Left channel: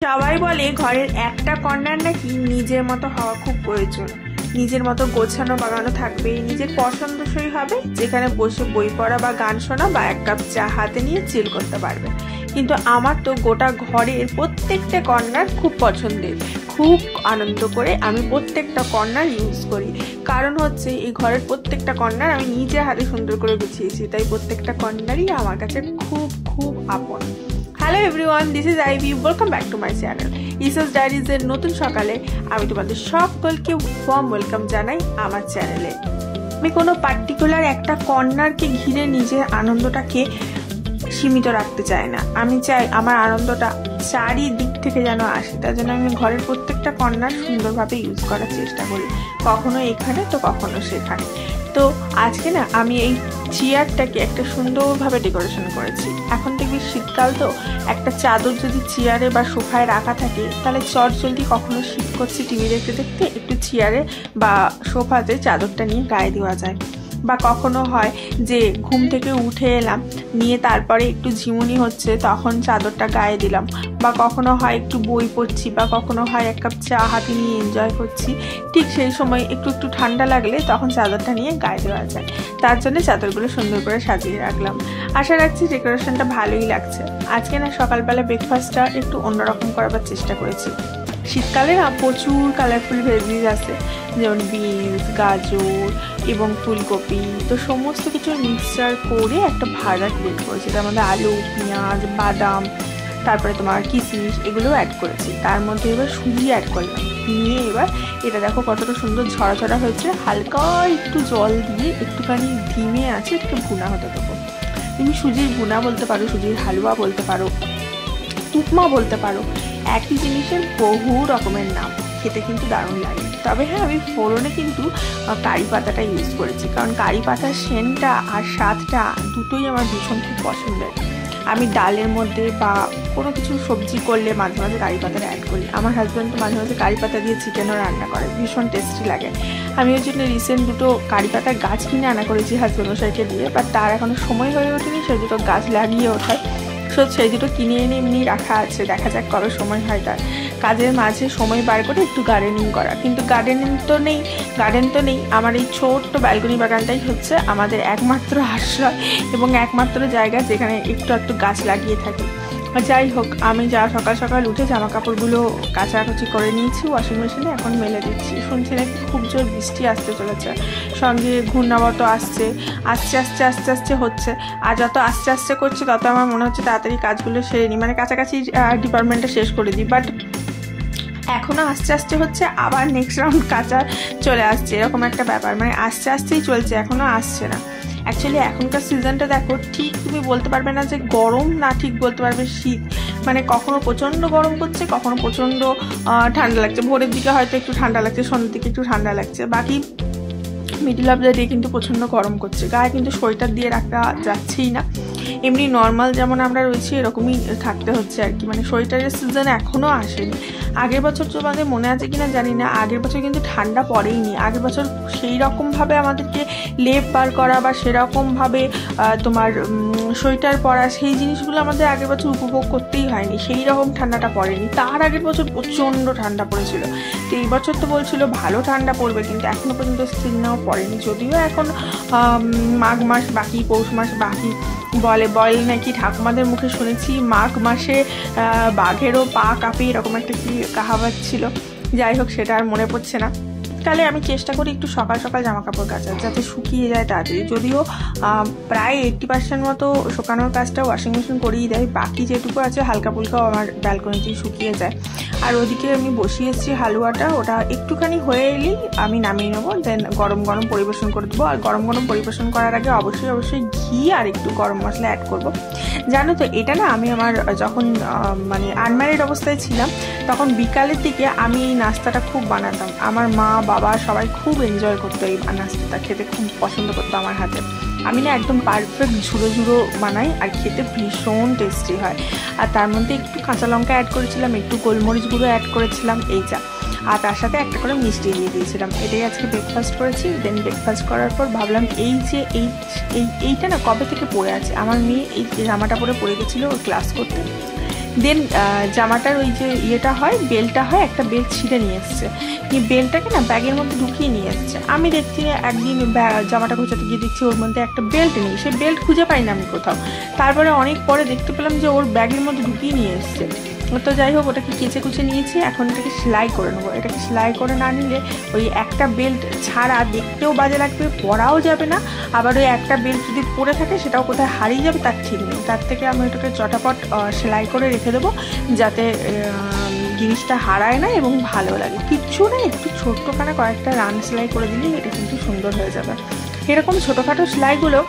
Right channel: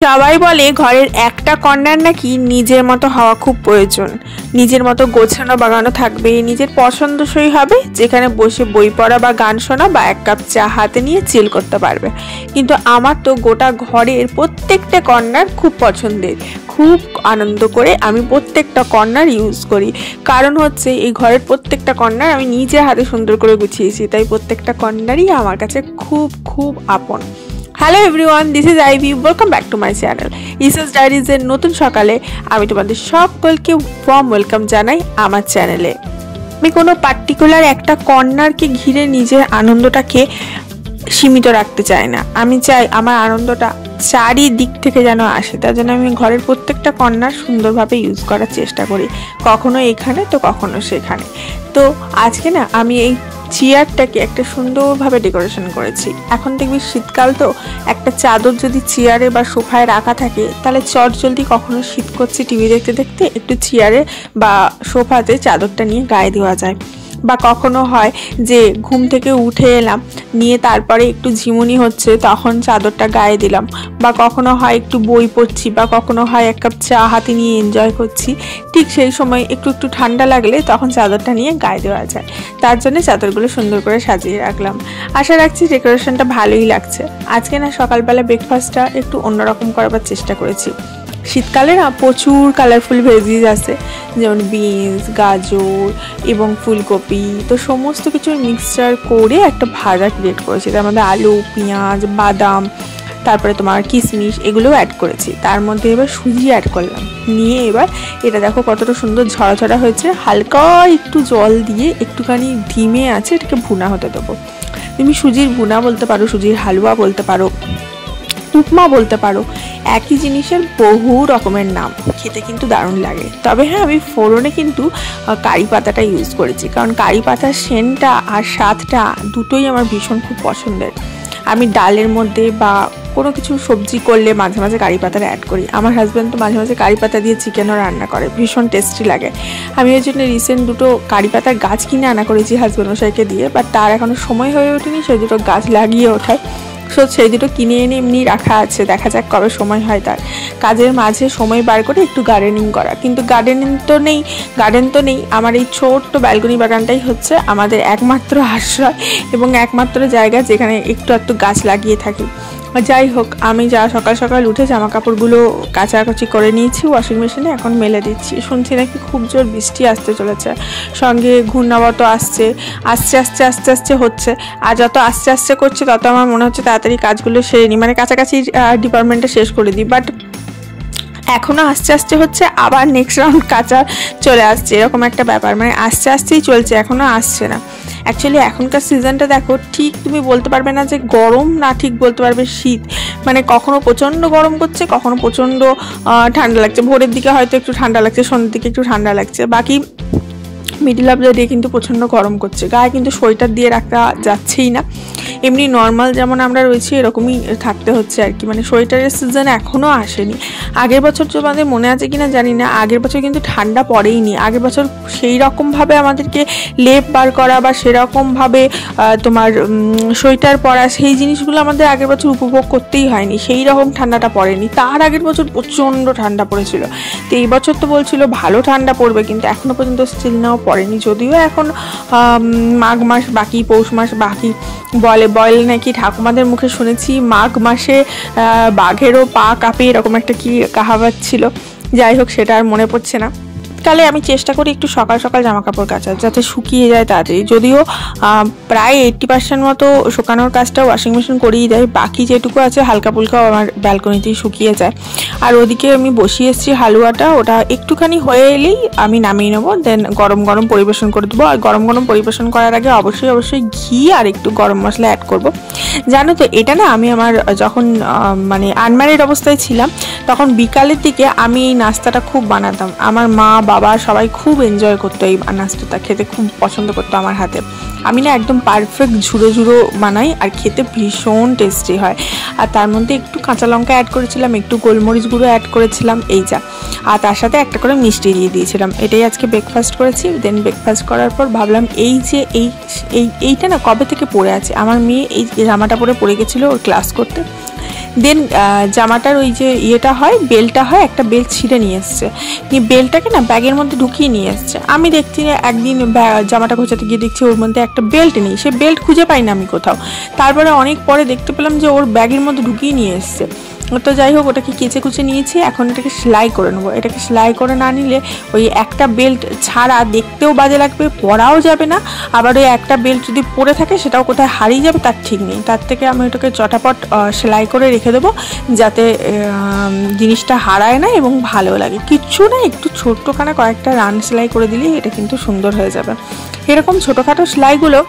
সবাই বলে ঘরের একটা কর্নার নাকি নিজের মতো হওয়া খুব প্রয়োজন। নিজের মতো গোছানো বাগানো থাকবে, নিজের পছন্দসই হবে, যেখানে বসে বই পড়া বা গান শোনা বা এক কাপ চা হাতে নিয়ে চিল করতে পারবে। কিন্তু আমার তো গোটা ঘরের প্রত্যেকটা কর্নার খুব পছন্দের, খুব আনন্দ করে আমি প্রত্যেকটা কর্নার ইউজ করি। কারণ হচ্ছে এই ঘরের প্রত্যেকটা কর্নার আমি নিজের হাতে সুন্দর করে গুছিয়েছি, তাই প্রত্যেকটা কর্নারই আমার কাছে খুব খুব আপন। Hello everyone, this is Ivy, welcome back to my channel ইসেস ডায়েরিজের নতুন সকালে আমি তোমাদের সকলকে ওয়ার্ম ওয়েলকাম জানাই আমার চ্যানেলে। আমি কোনো পার্টিকুলার একটা কর্নারকে ঘিরে নিজের আনন্দটাকে সীমিত রাখতে চাই না। আমি চাই আমার আনন্দটা চারিদিক থেকে যেন আসে, তার জন্য আমি ঘরের প্রত্যেকটা কর্নার সুন্দরভাবে ইউজ করার চেষ্টা করি, কখনো এখানে তো কখনো সেখানে। তো আজকে না আমি এই চেয়ারটাকে একটা সুন্দরভাবে ডেকোরেশন করেছি। এখন দেখবি শীতকাল, তো একটা চাদর যদি চেয়ারে বা সোফায় রাখা থাকে তাহলে চট জলদি কখনো শীত করছে টিভি দেখতে দেখতে একটু চেয়ারে বা সোফাতে চাদরটা নিয়ে গায়ে দেওয়া যায়। বা কখনো হয় যে ঘুম থেকে উঠে এলাম, নিয়ে তারপরে একটু ঝিমুনি হচ্ছে, তখন চাদরটা গায়ে দিলাম। বা কখনো হয় একটু বই পড়ছি, বা কখনো হয় এক কাপ চা হাতে নিয়ে এনজয় করছি, ঠিক সেই সময় একটু একটু ঠান্ডা লাগলে তখন চাদরটা নিয়ে গায়ে দেওয়া যায়। তার জন্য চাদরগুলো সুন্দর করে সাজিয়ে রাখলাম। আশা রাখছি ডেকোরেশনটা ভালোই লাগছে। আজকে না সকালবেলা ব্রেকফাস্টটা একটু অন্যরকম করার চেষ্টা করেছি। শীতকালে না প্রচুর কালারফুল ভেজিস আছে, যেমন বিনস, গাজর এবং ফুলকপি। তো সমস্ত কিছু মিক্সচার করে একটা ভাজা ক্রিয়েট করেছি। তার মধ্যে আলু, পেঁয়াজ, বাদাম, তারপরে তোমার কিশমিশ এগুলোও অ্যাড করেছি। তার মধ্যে এবার সুজি অ্যাড করলাম, নিয়ে এবার এটা দেখো কতটা সুন্দর ঝরা ঝরা হয়েছে। হালকা একটু জল দিয়ে একটুখানি ধিমে আছে এটাকে ভুনা হতে দেবো। তুমি সুজির ভুনা বলতে পারো, সুজির হালুয়া বলতে পারো, উপমা বলতে পারো, একই জিনিসের বহু রকমের নাম। খেতে কিন্তু দারুণ লাগে। তবে হ্যাঁ, আমি ফোড়নে কিন্তু কারি পাতাটা ইউজ করেছি, কারণ কারি পাতার সেন্টটা আর স্বাদটা দুটোই আমার ভীষণ খুব পছন্দের। আমি ডালের মধ্যে বা কোনো কিছু সবজি করলে মাঝে মাঝে কারি পাতাটা অ্যাড করি। আমার হাজব্যান্ড তো মাঝে মাঝে কারি পাতা দিয়ে চিকেনও রান্না করে, ভীষণ টেস্টি লাগে। আমি ওই জন্য রিসেন্ট দুটো কারি পাতার গাছ কিনে আনা করেছি হাজব্যান্ড মশাইকে দিয়ে, বাট তার এখনও সময় হয়ে ওঠেনি সেই দুটো গাছ লাগিয়ে ওঠায়। সো সেই দুটো কিনে এনে এমনি রাখা আছে, দেখা যাক কবে সময় হয় তার। কাজের মাঝে সময় বার করে একটু গার্ডেনিং করা, কিন্তু গার্ডেন তো নেই। আমার এই ছোট্ট ব্যালকনি বাগানটাই হচ্ছে আমাদের একমাত্র আশ্রয় এবং একমাত্র জায়গা যেখানে একটু গাছ লাগিয়ে থাকি। যাই হোক, আমি সকাল সকাল উঠে জামা কাপড়গুলো কাচাকুচি করে নিয়েছি ওয়াশিং মেশিনে, এখন মেলে দিচ্ছি। শুনছি নাকি খুব জোর বৃষ্টি আসতে চলেছে, সঙ্গে ঘূর্ণাবর্ত আস্তে আস্তে হচ্ছে। আর যত আস্তে আস্তে করছে তত আমার মনে হচ্ছে তাড়াতাড়ি কাজগুলো সেরে নিই, মানে কাছাকাছি ডিপার্টমেন্টে শেষ করে দিই। বাট এখনও আস্তে আস্তে হচ্ছে, আবার নেক্সট রাউন্ড কাঁচা চলে আসছে, এরকম একটা ব্যাপার। মানে আস্তে আস্তেই চলছে, এখনও আসছে না। অ্যাকচুয়ালি এখনকার সিজনটা দেখো, ঠিক তুমি বলতে পারবে না যে গরম, না ঠিক বলতে পারবে শীত। মানে কখনো প্রচণ্ড গরম করছে, কখনো প্রচণ্ড ঠান্ডা লাগছে। ভোরের দিকে হয়তো একটু ঠান্ডা লাগছে, সন্ধ্যের দিকে একটু ঠান্ডা লাগছে, বাকি মিডিল অফ দ্য ডে কিন্তু প্রচণ্ড গরম করছে। গায়ে কিন্তু সোয়েটার দিয়ে রাখা যাচ্ছেই না। এমনি নর্মাল যেমন আমরা রয়েছি এরকমই থাকতে হচ্ছে আর কি। মানে সোয়েটারের সিজন এখনও আসেনি। আগের বছর তোমাদের মনে আছে কিনা জানি না, আগের বছর কিন্তু ঠান্ডা পড়েইনি। আগের বছর সেই রকমভাবে আমাদেরকে লেপ বার করা বা সেরকমভাবে তোমার সোয়েটার পরা, সেই জিনিসগুলো আমাদের আগের বছর উপভোগ করতেই হয়নি। সেই রকম ঠান্ডাটা পড়েনি। তার আগের বছর প্রচণ্ড ঠান্ডা পড়েছিল। তো এই বছর তো বলছিল ভালো ঠান্ডা পড়বে, কিন্তু এখনও পর্যন্ত স্টিল নাও পড়েনি। যদিও এখন মাঘ মাস বাকি, পৌষ মাস বাকি। বলে নাকি ঠাকুমাদের মুখে শুনেছি মাঘ মাসে বাঘেরও পা কাঁপে, এরকম একটা কি কাহাবাত ছিল। যাই হোক, সেটা আর মনে পড়ছে না। কালে আমি চেষ্টা করি একটু সকাল সকাল জামা কাপড় কাচার, যাতে শুকিয়ে যায় তাড়াতাড়ি। যদিও প্রায় 80% মতো শুকানোর কাজটা ওয়াশিং মেশিন করেই দেয়, বাকি যেটুকু আছে হালকা ফুলকাও আমার ব্যালকনিতেই শুকিয়ে যায়। আর ওদিকে আমি বসিয়ে এসেছি হালুয়াটা, ওটা একটুখানি হয়ে এলেই আমি নামিয়ে নেবো, দেন গরম গরম পরিবেশন করে দেবো। আর গরম গরম পরিবেশন করার আগে অবশ্যই ঘি আর একটু গরম মশলা অ্যাড করবো। জানো তো, এটা না আমি আমার যখন মানে আনম্যারিড অবস্থায় ছিলাম তখন বিকালের দিকে আমি এই নাস্তাটা খুব বানাতাম। আমার মা, বাবা সবাই খুব এনজয় করতো এই নাস্তাটা, খেতে খুব পছন্দ করতো আমার হাতে। আমি না একদম পারফেক্ট ঝুড়ো ঝুড়ো বানাই, আর খেতে ভীষণ টেস্টি হয়। আর তার মধ্যে একটু কাঁচা লঙ্কা অ্যাড করেছিলাম, একটু গোলমরিচ গুঁড়ো অ্যাড করেছিলাম, এই যা। আর তার সাথে একটা করে মিষ্টি দিয়ে দিয়েছিলাম। এটাই আজকে ব্রেকফাস্ট করেছি। দেন ব্রেকফাস্ট করার পর ভাবলাম এইটা না কবে থেকে পরে আছে। আমার মেয়ে এই জামাটা পরে গেছিলো ওর ক্লাস করতে। দেন জামাটার ওই যে ইয়েটা হয়, বেল্টটা হয়, একটা বেল্ট ছিঁড়ে নিয়ে এসছে, নিয়ে বেল্টটাকে না ব্যাগের মধ্যে ঢুকিয়ে নিয়ে এসছে। আমি দেখছি একদিন জামাটা গোছাতে গিয়ে দেখছি ওর মধ্যে একটা বেল্ট নেই, সে বেল্ট খুঁজে পাই না আমি কোথাও। তারপরে অনেক পরে দেখতে পেলাম যে ওর ব্যাগের মধ্যে ঢুকিয়ে নিয়ে এসছে। তো যাই হোক, ওটাকে কেচে কুচে নিয়েছি, এখন এটাকে সেলাই করে নেবো। এটাকে সেলাই করে না নিলে ওই একটা বেল্ট ছাড়া দেখতেও বাজে লাগবে, পরাও যাবে না, আবার ওই একটা বেল্ট যদি পরে থাকে সেটাও কোথায় হারিয়ে যাবে তার ঠিক নেই। তার থেকে আমি ওটাকে চটাপট সেলাই করে রেখে দেবো, যাতে জিনিসটা হারায় না এবং ভালো লাগে। কিচ্ছু না, একটু ছোট্টখানা কয়েকটা রান সেলাই করে দিলেই এটা কিন্তু সুন্দর হয়ে যাবে। এরকম ছোটোখাটো সেলাইগুলো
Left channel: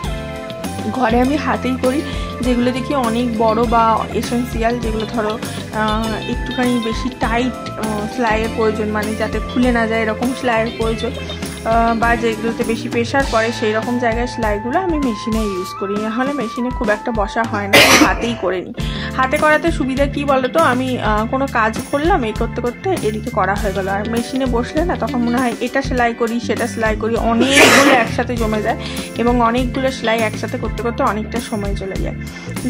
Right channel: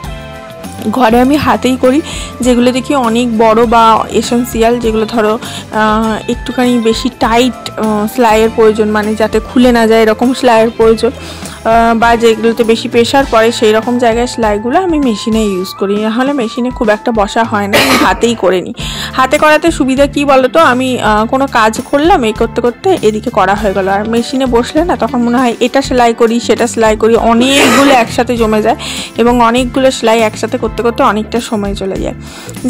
ঘরে আমি হাতেই করি, যেগুলো দেখি অনেক বড় বা এসেন্সিয়াল, যেগুলো ধরো একটুখানি বেশি টাইট সেলাইয়ের প্রয়োজন, মানে যাতে খুলে না যায় এরকম সেলাইয়ের প্রয়োজন, বা যেগুলোতে বেশি প্রেশার পড়ে সেই রকম জায়গায় সেলাইগুলো আমি মেশিনে ইউজ করি। নাহলে মেশিনে খুব একটা বসা হয় না, আমি হাতেই করে নিই। হাতে করাতে সুবিধা কী বলো তো, আমি কোনো কাজ করলাম, এই করতে করতে এদিকে করা হয়ে গেলো। আর মেশিনে বসলে না তখন মনে হয় এটা সেলাই করি সেটা সেলাই করি, অনেকগুলো একসাথে জমে যায় এবং অনেকগুলো সেলাই একসাথে করতে করতে অনেকটা সময় চলে যায়।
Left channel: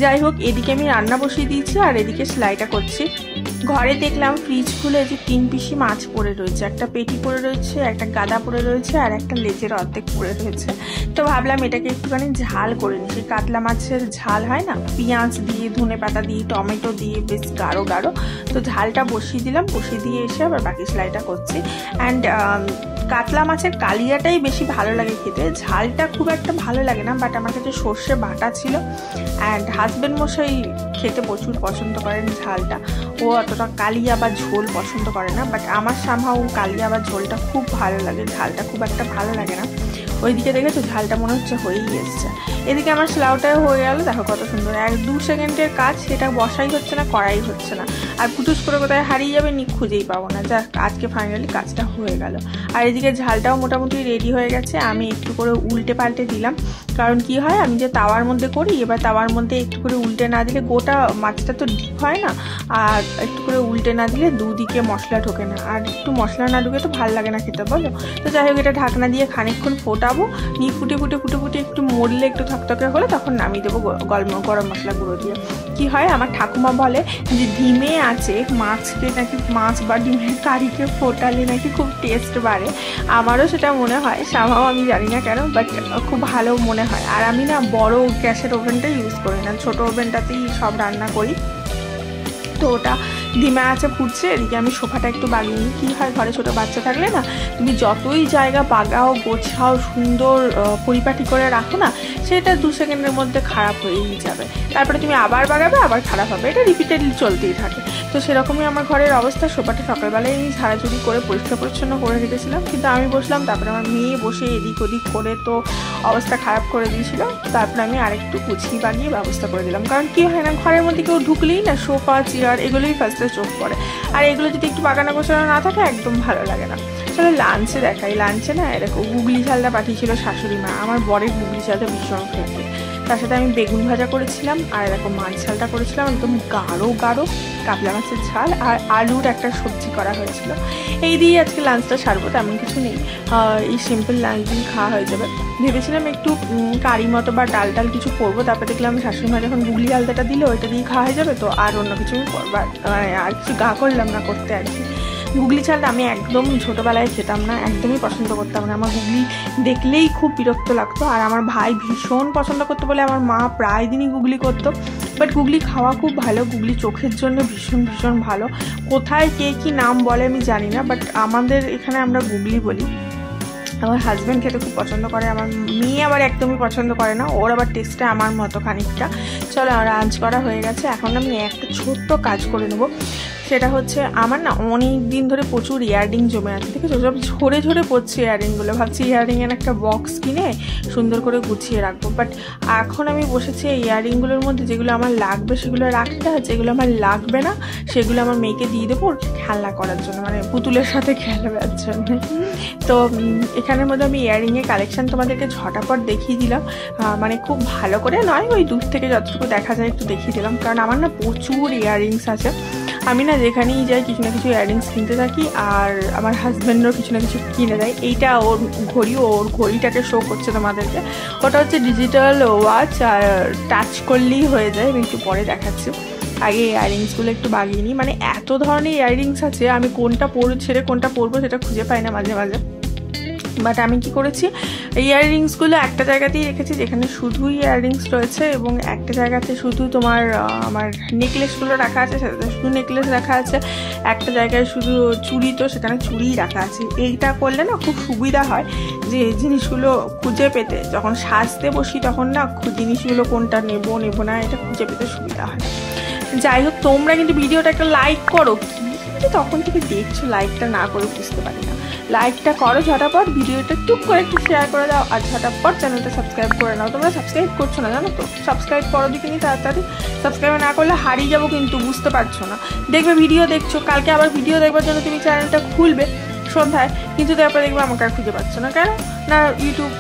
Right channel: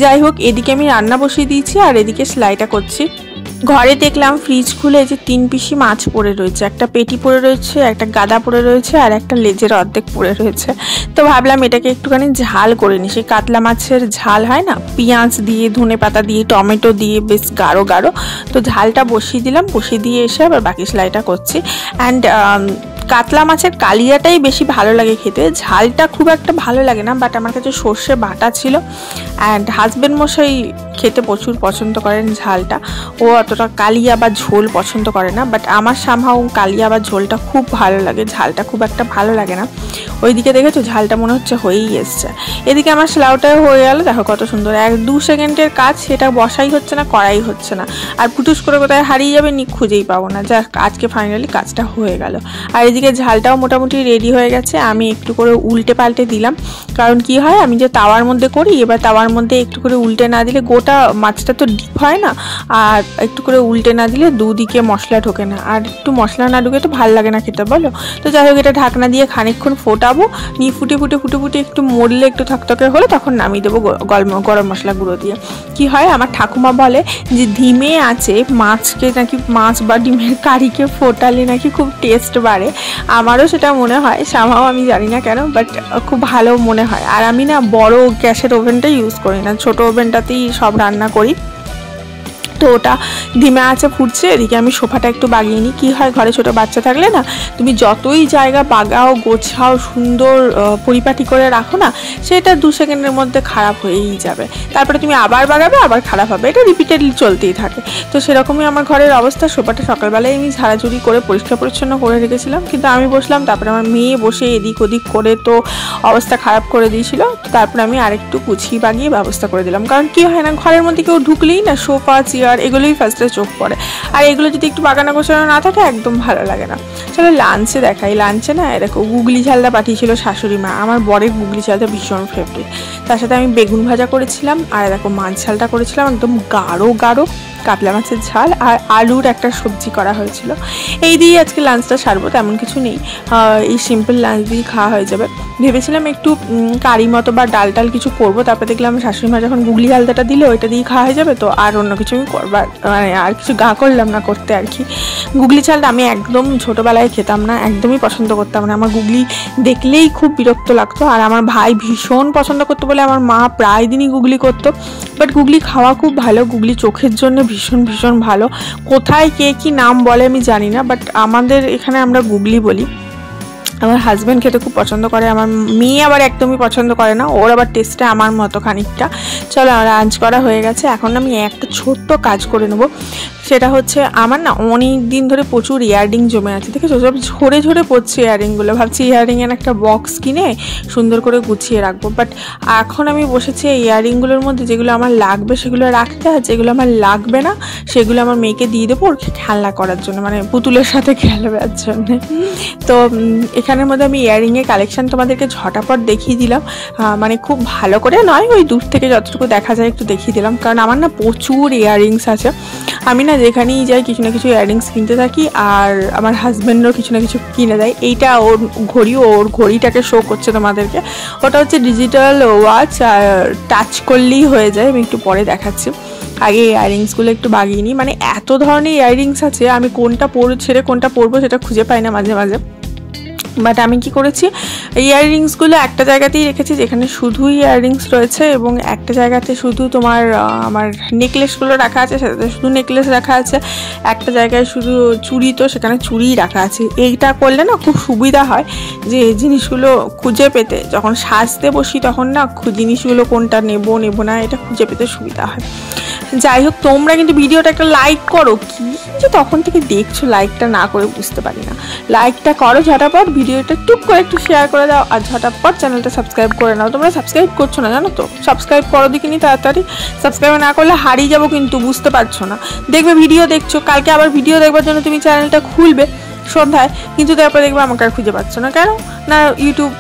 যাই হোক, এদিকে আমি রান্না বসিয়ে দিয়েছি আর এদিকে সেলাইটা করছি। ঘরে দেখলাম ফ্রিজ খুলে যে 3 পিসি মাছ পড়ে রয়েছে, একটা পেটি পড়ে রয়েছে, একটা গাদা পড়ে রয়েছে আর একটা লেজের অর্ধেক পড়ে রয়েছে। তো ভাবলাম এটাকে একটুখানি ঝাল করে নিই, সেই কাতলা মাছের ঝাল হয় না, পেঁয়াজ দিয়ে, ধনে পাতা দিয়ে, টমেটো দিয়ে, বেশ গাঢ় গাঢ়। তো ঝালটা বসিয়ে দিলাম, বসিয়ে দিয়ে এসে আবার বাকি সেলাইটা করছি। অ্যান্ড কাতলা মাছের কালিয়াটাই বেশি ভালো লাগে খেতে, ঝালটা খুব একটা ভালো লাগে না। বাট আমার কাছে সর্ষে বাটা ছিল, অ্যান্ড হাজব্যান্ড মশাই খেতে প্রচুর পছন্দ করেন ঝালটা, ও অতটা কালিয়া বা ঝোল পছন্দ করে না। বাট আমার সামহাও কালিয়া বা ঝোলটা খুব ভালো লাগে, ঝালটা খুব একটা ভালো লাগে না। ওইদিকে দেখেছো ঝালটা মনে হচ্ছে হয়েই এসছে। এদিকে আমার সেলাইটা হয়ে গেল, দেখো কত সুন্দর, 1-2 সেকেন্ডের কাজ, সেটা বসাই হচ্ছে না, করাই হচ্ছে না, আর পুটুস করে কোথায় হারিয়ে যাবে খুঁজেই পাবো না। যা আজকে ফাইনালি কাজটা হয়ে গেল। আর এদিকে ঝালটাও মোটামুটি রেডি হয়ে গেছে। আমি একটু করে উল্টে পাল্টে দিলাম, কারণ কি হয়, আমি যে তাওয়ার মধ্যে করি, এবার তাওয়ার মধ্যে একটু করে উল্টে না দিলে গোটা মাছটা তো ডিপ হয় না, আর একটু করে উল্টে না দিলে দুদিকে মশলা ঢোকে না, আর একটু মশলা না ঢুকে তো ভালো লাগে না খেতে, বলো। তো যাই হোক, এটা ঢাকনা দিয়ে খানিকক্ষণ ফোটাবো, নিয়ে ফুটে ফুটে ফুটে ফুটে একটু মরলে, একটু থকথকে হলে তখন নামিয়ে দেবো গরম মশলা গুঁড়ো দিয়ে। কি হয়, আমার ঠাকুমা বলে যে ধিমে আছে মাছকে নাকি, মাছ বা ডিমের কারিকে ফোটালে নাকি খুব টেস্ট বাড়ে। আমারও সেটা মনে হয়, সামাও আমি জানি না কেন, বাট খুব ভালো মনে হয়। আর আমি না বড় গ্যাসের ওভেনটা ইউজ করি না, ছোটো ওভেনটাতেই সব রান্না করি। তো ওটা ধিমে আছে ফুটছে, এদিকে আমি সোফাটা একটু বাগিয়ে নিই। কী হয়, ঘরে ছোটো বাচ্চা থাকলে না, তুমি যতই জায়গা বাগাও, গোছাও, সুন্দর পরিপাটি করে রাখো না, সেটা 2 সেকেন্ডের মধ্যে খারাপ হয়েই যাবে। তারপরে তুমি আবার বাগাবে, আবার খারাপ হবে, এটা রিপিটেডলি চলতেই থাকে। তো সেরকমই আমার ঘরের অবস্থা। সোফাটা সকালবেলায় আমি ঝাড়াঝুড়ি করে পরিষ্কার পরিচ্ছন্ন করে রেখেছিলাম, কিন্তু আমি বসলাম, তারপরে আমার মেয়ে বসে এদিক ওদিক করে তো অবস্থা খারাপ করে দিয়েছিল। তারপরে আমি আরেকটু গুছিয়ে বাগিয়ে ব্যবস্থা করে দিলাম, কারণ কী হয় না, ঘরের মধ্যে কেউ ঢুকলেই না সোফা, চেয়ার এগুলোই ফার্স্টে চোখ পড়ে, আর এগুলো যদি একটু বাগানা গোছানো না থাকে একদম ভালো লাগে না। চলো লাঞ্চে দেখাই। লাঞ্চে না দেখো গুগলি ঝালটা পাঠিয়েছিল শাশুড়ি মা, আমার বরের গুগলি ঝালটা ভীষণ ফেভারিট। তার সাথে আমি বেগুন ভাজা করেছিলাম, আর দেখো মাছ ঝালটা করেছিলাম একদম গাঢ় গাঢ় কাতলা মাছের ঝাল, আর আলুর একটা সবজি করা হয়েছিল। এই দিয়ে আজকে লাঞ্চটা সারবো, তেমন কিছু নেই, এই সিম্পল লাঞ্চ দিয়ে খাওয়া হয়ে যাবে। ভেবেছিলাম একটু কারি মতো বা ডাল টাল কিছু করবো, তারপর দেখলাম শাশুড়ি মা যখন গুগলি আলতাটা দিলে ওইটা দিয়ে খাওয়া হয়ে যাবে, তো আর অন্য কিছু আমি করবার মানে আর কিছু গা করলাম না করতে আর কি। গুগলি ঝালটা আমি একদম ছোটোবেলায় খেতাম না, একদমই পছন্দ করতাম না, আমার গুগলি দেখলেই খুব বিরক্ত লাগতো। আর আমার ভাই ভীষণ পছন্দ করতো বলে আমার মা প্রায় দিনই গুগলি করতো। বাট গুগলি খাওয়া খুব ভালো, গুগলি চোখের জন্য ভীষণ ভীষণ ভালো। কোথায় কে কী নাম বলে আমি জানি না, বাট আমাদের এখানে আমরা গুগলি বলি। আমার হাজব্যান্ড খেতে খুব পছন্দ করে, আমার মেয়ে আবার একদমই পছন্দ করে না, ওর আবার টেস্টে আমার মতো খানিকটা। চলো লাঞ্চ করা হয়ে গেছে, এখন আমি একটা ছোট্ট কাজ করে নেবো। সেটা হচ্ছে আমার না অনেক দিন ধরে প্রচুর ইয়াররিং জমে আছে, ঠিক আছে, সব ঝরে ঝরে পড়ছে ইয়াররিংগুলো। ভাবছি ইয়াররিংয়ের একটা বক্স কিনে সুন্দর করে গুছিয়ে রাখবো। বাট এখন আমি বসেছি এই ইয়াররিংগুলোর মধ্যে যেগুলো আমার লাগবে সেগুলো রাখতে, আর যেগুলো আমার লাগবে না সেগুলো আমার মেয়েকে দিয়ে দেবো ওর খেলনা করার জন্য, মানে পুতুলের সাথে খেলবার জন্য। তো এখানের মধ্যে আমি ইয়াররিংয়ের কালেকশান তোমাদেরকে ঝটাপট দেখিয়ে দিলাম, মানে খুব ভালো করে নয়, ওই দূর থেকে যতটুকু দেখা যায় একটু দেখিয়ে দিলাম, কারণ আমার না প্রচুর ইয়াররিংস আছে। আমি না যেখানেই যাই কিছু না কিছু ইয়াররিংস কিনতে থাকি, আর আমার হাজব্যান্ডও কিছু না কিছু কিনে দেয়। এইটা ওর ঘড়ি, ওর ঘড়িটাকে শো করছে তোমাদেরকে, ওটা হচ্ছে ডিজিটাল ওয়াচ, আর টাচ করলেই হয়ে যায়, আমি একটু পরে দেখাচ্ছি। আগে ইয়াররিংসগুলো একটু বাগিয়ে নিই। মানে এত ধরনের ইয়াররিংস আছে, আমি কোনটা ছেড়ে কোনটা পরবো সেটা খুঁজে পাই না মাঝে মাঝে। বাট আমি কি করেছি, ইয়াররিংসগুলো একটা জায়গাতেই রেখেছি যেখানে শুধু ইয়াররিংস রয়েছে, এবং একটা জায়গাতে শুধু তোমার আমার নেকলেসগুলো রাখা আছে, সেটাতে শুধু নেকলেস রাখা আছে। একটা জায়গায় শুধু চুড়ি, তো সেখানে চুড়িই রাখা আছে। এইটা করলে না খুব সুবিধা হয় যে জিনিসগুলো খুঁজে পেতে, যখন সাজতে বসি তখন না জিনিসগুলো কোনটা নেবো না এটা খুঁজে পেতে সুবিধা হয়। যাই হোক, তোমরা কিন্তু ভিডিওটা একটা লাইক করো, কিন্তু তখন থেকে দেখছো লাইকটা না করে বুঝতে পারি না। লাইকটা করো ঝটাপট, ভিডিওটা টুক করে একটু শেয়ার করে দাও, আর ঝটাপট চ্যানেলটা সাবস্ক্রাইব করে নাও। তোমরা সাবস্ক্রাইব করছো না জানো তো, সাবস্ক্রাইব করো দেখিনি তাড়াতাড়ি। সাবস্ক্রাইব না করলে হারিয়ে যাবো কিন্তু, বুঝতে পারছো না। দেখবে ভিডিও দেখছো, কালকে আবার ভিডিও দেখবার জন্য তুমি চ্যানেলটা খুলবে সন্ধ্যায়, কিন্তু তারপরে দেখবে আমাকে আর খুঁজে পাচ্ছ না। কেন না, ইউটিউব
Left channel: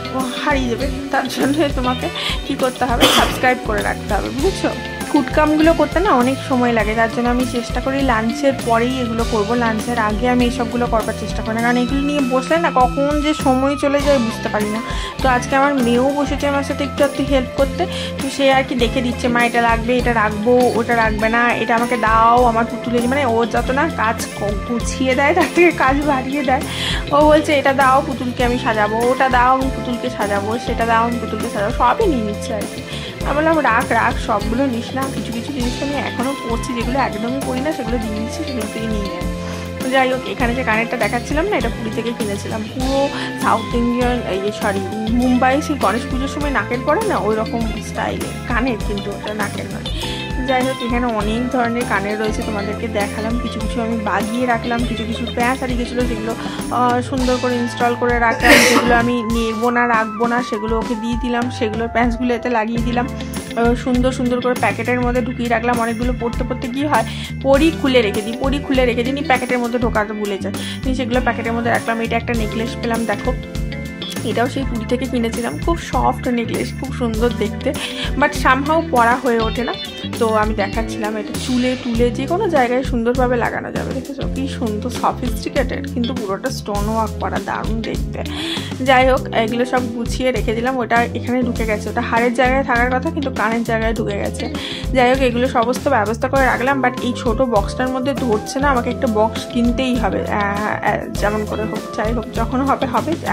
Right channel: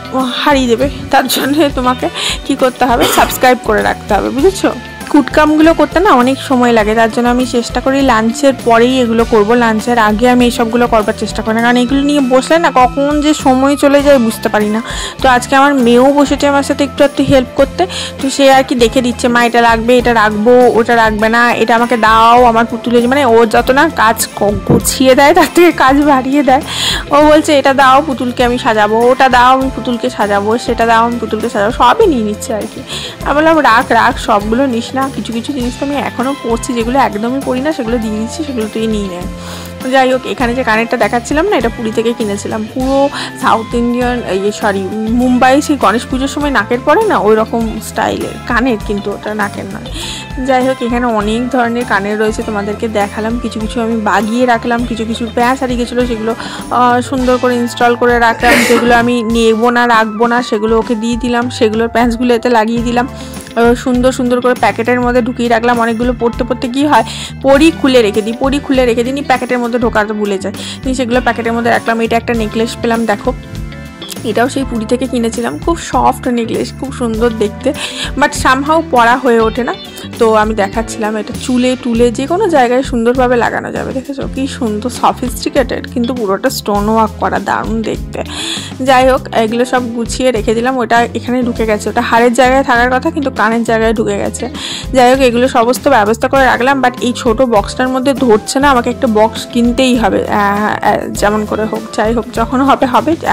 হারিয়ে দেবে। তার জন্য তোমাকে কি করতে হবে, সাবস্ক্রাইব করে রাখতে হবে, বুঝেছো? কুটকামগুলো করতে না অনেক সময় লাগে, তার জন্য আমি চেষ্টা করি লাঞ্চের পরেই এগুলো করব। লাঞ্চের আগে আমি এইসবগুলো করবার চেষ্টা করি না, কারণ এগুলো নিয়ে বসলে না কখন যে সময় চলে যায় বুঝতে পারি না। তো আজকে আমার মেয়েও বসেছে আমার সাথে একটু হেল্প করতে, তো সে আর কি দেখে দিচ্ছে, মা এটা রাখবে, এটা রাখবো, ওটা রাখবে না, এটা আমাকে দাও, আমার পুতুলে, মানে ও যত না কাজ গুছিয়ে দেয় তার থেকে কাজ বাড়িয়ে দেয়। ও বলছে এটা দাও পুতুলকে আমি সাজাবো, ওটা দাও আমি পুতুলকে সাজাবো, সেটা দাও আমি পুতুলকে সাজাবো, সবই নিয়ে নিচ্ছে আর কি। আমি বললাম রাখ, সবগুলো নিস না, কিছু জিনিস তো আমি এখনও পড়ছি, যেগুলো একদমই পড়ি না সেগুলো দিয়ে দিচ্ছি, সেগুলো তুই নিয়ে নেন। যাই হোক, এখানে যে কানেরটা দেখাচ্ছিলাম না, এটা পুরী থেকে কিনেছিলাম, পুরো সাউথ ইন্ডিয়ান, মুম্বাই সেই গণেশ পুজোর সময় নাকের পরে না ওই রকম স্টাইলের কানের, কিন্তু ওটা নাকের নয়। যাই হোক, এখানে অনেক ধরনের কানের রয়েছে, তোমাদেরকে দেখালাম। কিছু আমি বাগিয়ে রাখলাম, কিছু প্যাঁচ হারিয়ে গেছিলো, সেগুলো সুন্দর করে ইনস্টল করে রাখলাম। যেগুলো আমি নেবো না রাখবো না সেগুলো ওকে দিয়ে দিলাম, সেগুলোর প্যাঁচগুলো এতে লাগিয়ে দিলাম, সুন্দর করে প্যাকেটের মধ্যে ঢুকিয়ে রাখলাম। অনেকগুলো পড়তে কী হয়, পরি খুলে রেখে দিই, প্যাকেটের মধ্যে ঢোকাতে ভুলে যায়, সেগুলো প্যাকেটের মধ্যে রাখলাম। এটা একটা নেকলেস পেলাম, দেখো, এটাও সেই পুরী থেকে কিনেছিলাম, খুব সফট নেকলেস, খুব সুন্দর দেখতে, বাট সামহাও পরা হয়ে ওঠে না। তো আমি দেখাচ্ছিলাম, এটা চুলে টুলে যে কোনো জায়গায় সুন্দরভাবে লাগানো যাবে, দেখেছো কি সুন্দর সফিস্টিকেটেড, কিন্তু পুরোটা স্টোন ওয়ার্ক করা, দারুণ দেখতে। যাই হোক, এগুলো সব গুছিয়ে রেখে দিলাম। ওটা এখানে ঢুকে গেছে, ওটা হাড়ের জায়গায় থাকার কথা কিন্তু কানের জায়গায় ঢুকে গেছে। যাই হোক, এগুলো সমস্ত ব্যবস্থা করে রাখলাম, বাট এই ছোট বক্সটার মধ্যে ধরছে না, আমাকে একটা বক্স কিনতেই হবে, যেমন করে হোক। যাই হোক, যখন হবে,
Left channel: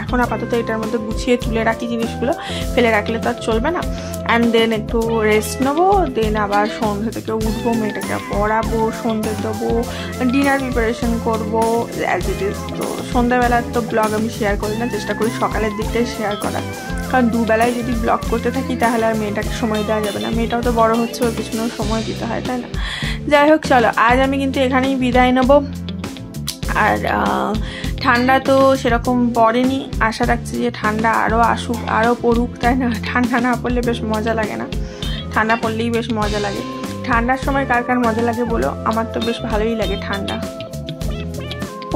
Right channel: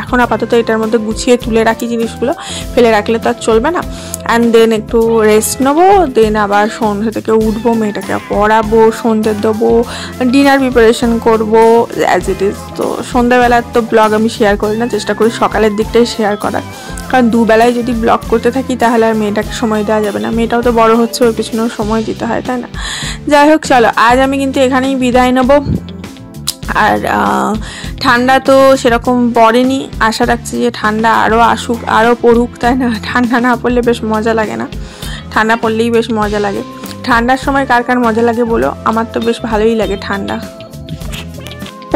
এখন আপাতত এটার মধ্যে গুছিয়ে তুলে রাখি জিনিসগুলো, ফেলে রাখলে তো আর চলবে না। অ্যান্ড দেন একটু রেস্ট নেবো, দেন আবার সন্ধ্যে থেকে উঠবো, মেয়েটাকে পড়াবো, সন্ধ্যে দেবো, ডিনার প্রিপারেশন করবো অ্যাজ ইট ইজ। তো সন্ধ্যাবেলার তো ব্লগ আমি শেয়ার করি না, চেষ্টা করি সকালের দিকটাই শেয়ার করার, কারণ দুবেলায় যদি ব্লগ করতে থাকি তাহলে আর মেয়েটাকে সময় দেওয়া যাবে না। মেয়েটাও তো বড় হচ্ছে, ওর পিছনেও সময় দিতে হয়, তাই না? যাই হোক, চলো আজ আমি কিন্তু এখানেই বিদায় নেবো। আর ঠান্ডা তো সেরকম পড়েনি, আশা রাখছি যে ঠান্ডা আরও আসুক, আরও পড়ুক, তাই না? ঠান্ডা না পড়লে বেশ মজা লাগে না, ঠান্ডা পড়লেই বেশ মজা লাগে। ঠান্ডার সময় কার মজা লাগে বলো? আমার তো বেশ ভালোই লাগে ঠান্ডা।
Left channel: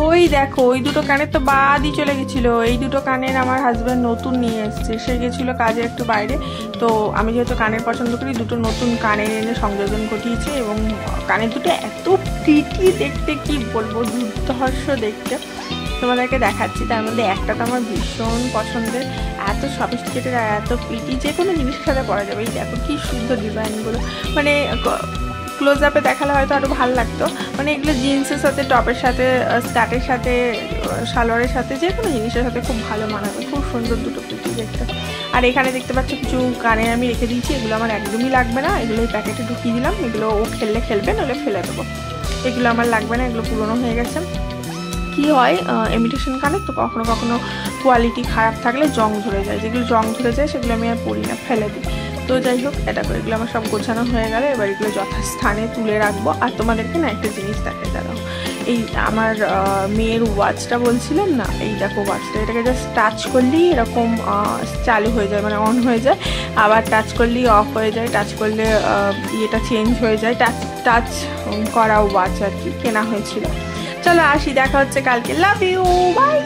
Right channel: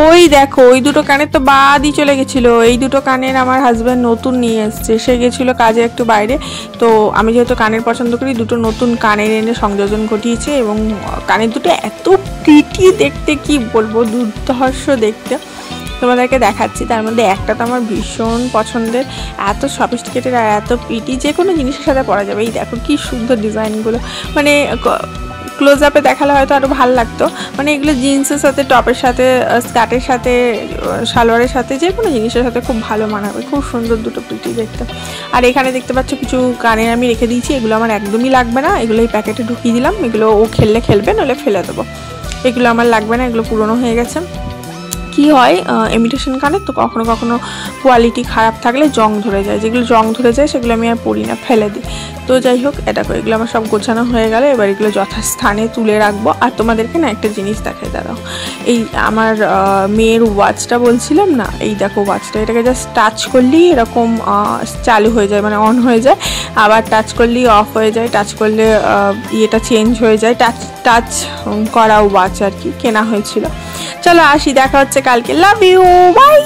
ওই দেখো, ওই দুটো কানের তো বাদই চলে গেছিলো। এই দুটো কানের আমার হাজব্যান্ড নতুন নিয়ে এসছে, সে গেছিলো কাজে একটু বাইরে, তো আমি যেহেতু কানের পছন্দ করি, দুটো নতুন কানের এনে সংযোজন ঘটিয়েছে, এবং কানের দুটো এত প্রিটি দেখতে, কি বলবো, দুর্ধর্ষ দেখতে, তোমাদেরকে দেখাচ্ছি। তার মধ্যে একটা তো আমার ভীষণ পছন্দের, এত সফিস্টিকেটেড আর এত প্রিটি, যে কোনো জিনিসের সাথে পরা যাবে। এই দেখো কি সুন্দর ডিজাইনগুলো, মানে ক্লোজ আপে দেখালে হয়তো আরও ভালো লাগতো, মানে এগুলো জিন্সের সাথে, টপের সাথে, স্কার্টের সাথে, সালোয়ারের সাথে, যে কোনো জিনিসের সাথে খুব ভালো মানাবে, খুব সুন্দর দুটো প্রিটি দেখতে। আর এখানে দেখতে পাচ্ছ কিছু কানে আমি রেখে দিয়েছি, এগুলো আমার একদমই লাগবে না, এগুলো এই প্যাকেটে ঢুকিয়ে দিলাম, এগুলো ও খেলবে, নইলে ফেলে দেবো। এগুলো আমার লাগবে না, এগুলো পুরনো হয়ে গেছে। কি হয়, ইমিটেশন কানের তো কখনো কোয়ালিটি খারাপ থাকলে জং ধরে যায়, যেগুলো জং ধরে যায় সেগুলো আমি আর পরি না, ফেলে দিই। তো যাই হোক, এটা করে এগুলো আমার সব গোছানো হয়ে গেলে এবার এগুলো যথাস্থানে তুলে রাখবো। আর তোমাদেরকে না একটা জিনিস দেখাই, দাঁড়াও, এই আমার মেয়ের ওয়াচটা বলছিলাম না, এই দেখো ওয়াচটা, এটাকে জাস্ট টাচ করলেই এরকম চালু হয়ে যায়, মানে অন হয়ে যায়, আবার টাচ করলেই অফ হয়ে যায়, টাচ করলে ইয়েটা চেঞ্জ হয়ে যায়, টাচ করা ওয়াচ আর কি কেনা হয়েছিল। চলো আসি, দেখা হচ্ছে কালকে, লাভ ইউ, বাই।